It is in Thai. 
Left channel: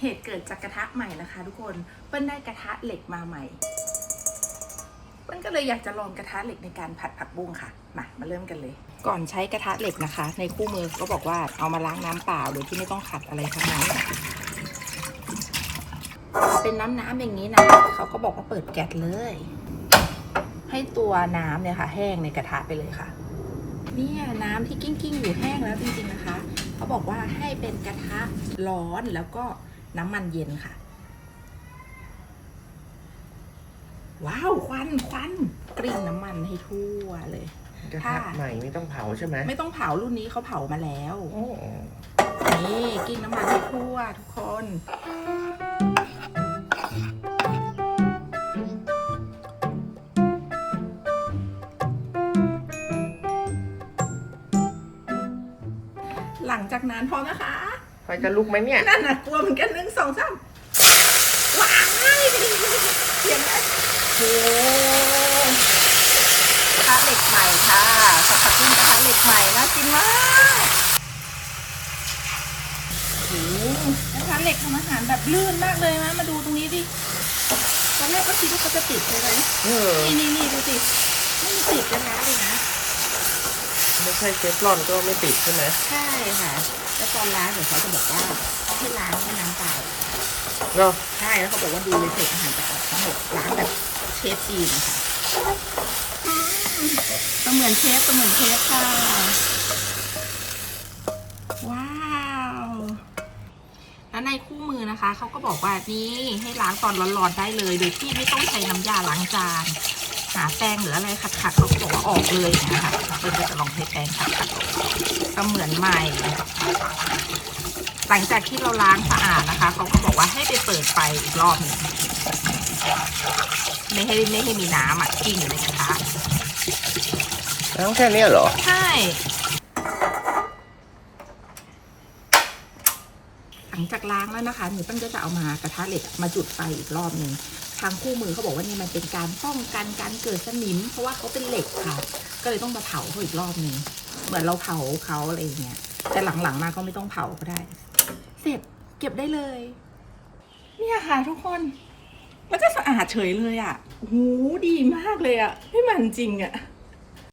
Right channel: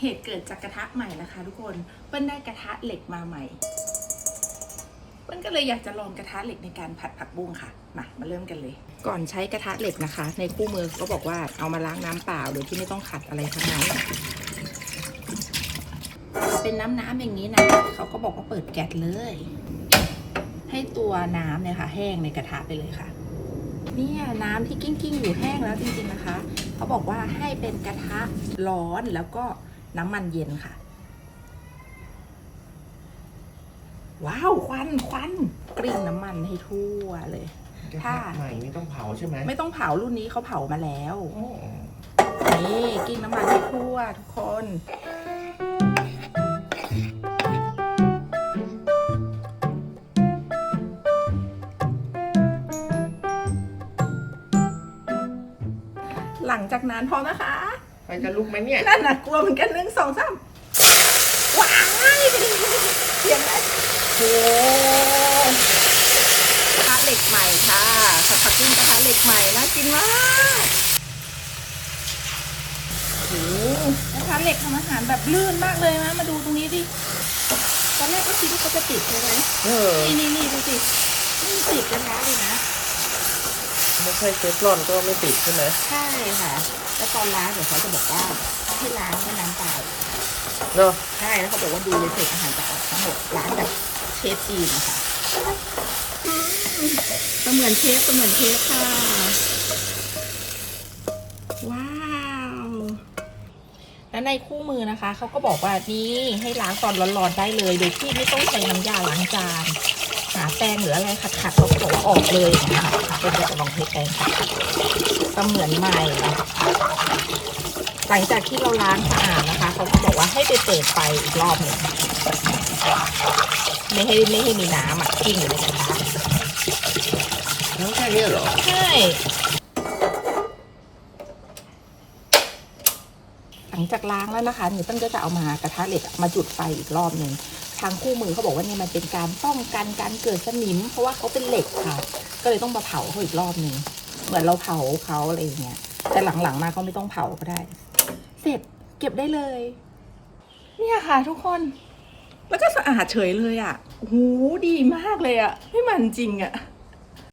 เหตุเกิดจากกระทะใหม่นะคะ ทุกคนเปิ้ลได้กระทะเหล็กมาใหม่เปิ้ลก็เลยอยากจะลองกระทะเหล็กในการผัดผักบุ้งค่ะ มามาเริ่มกันเลย ก่อนใช้กระทะเหล็กนะคะ ในคู่มือก็บอกว่าเอามาล้างน้ำเปล่าโดยที่ไม่ต้องขัดอะไรทั้งนั้นเป็นน้ำน้ำๆอย่างนี้นะเขาก็บอกว่าเปิดแก๊สเลย ให้ตัวน้ำเนี่ยค่ะ แห้งในกระทะไปเลยค่ะเนี่ยน้ำที่กิ้งกิ้งๆอยู่แห้งแล้วจริงๆนะคะ เขาบอกว่าให้เป็นกระทะร้อนแล้วก็ น้ำมันเย็นค่ะ ว้าว ควันควันกริ่งน้ำมันให้ทั่วเลยกระค่ะทะใหม่ไม่ต้องเผาใช่ไหมไม่ต้องเผารุ่นนี้เขาเผามาแล้วโอ้นี่กริ่งน้ำมันให้ทั่วทุกคนหลังจากนั้นพอนะคะ ไฟจะลุกไหมเนี่ย นั่นน่ะกลัวเหมือนกันหนึ่งสองสามว้ายเสียงอะไรโอ้กระทะเหล็กใหม่ค่ะสับผักบุ้งกระทะเหล็กใหม่น่ากินมากโอ้โหกระทะเหล็กทำอาหารแบบลื่นมากเลยนะมาดูตรงนี้ดิตอนแรกก็คิดว่าเขาจะติดใช่ไหมเออนี่นี่นี่ดูสิไม่มีติดกันนะเลยนะ ไม่ใช่เชฟรอนก็ไม่ติดใช่ไหมใช่ค่ะ แล้วตอนล้างเดี๋ยวเขาจะบอกว่าให้ล้างแค่น้ำเปล่าเนาะใช่แล้วเขาบอกว่าดูเลยเศษอาหารจะออกทั้งหมดร้านแบบเชฟจีนนะคะเสมือนเชฟเสมือนเชฟค่ะ ว้าว แล้วในคู่มือนะคะ เขาก็บอกว่านี่ให้ล้างตอนร้อนๆได้เลย โดยที่ไม่ต้องใช้น้ำยาล้างจาน หาแปรงหรืออะไรขัดๆเขาก็บอกว่าออกเลยนะคะเป็นก็จะลองใช้แปรงขัดๆก็เหมือนใหม่ หลังจากที่เราล้างสะอาดนะคะเขาก็บอกว่าให้ไปเปิดไฟอีกรอบหนึ่งไม่ให้ไม่ให้มีน้ำอะกิ้งอยู่ในกระทะแล้วแค่เนี้ยเหรอ ใช่ หลั งจากล้างแล้วนะคะหนูตั้งก็จะเอามากระทะเหล็กมาจุดไฟอีกรอบหนึ่งทางคู่มือเขาบอกว่าเนี่ยมันเป็นการป้องกันการเกิดสนิม เพราะว่าเขาเป็นเหล็กค่ะ ก็เลยต้องมาเผาเขาอีกรอบหนึ่งเหมือนเราเผาเขาอะไรอย่างเงี้ยแต่หลังๆมาก็ไม่ต้องเผาก็ได้ เสร็จเก็บได้เลย เนี่ยค่ะทุกคนแล้วก็สะอาดเฉยเลยอะโอ้โหดีมากเลยอะไม่มันจริงอะ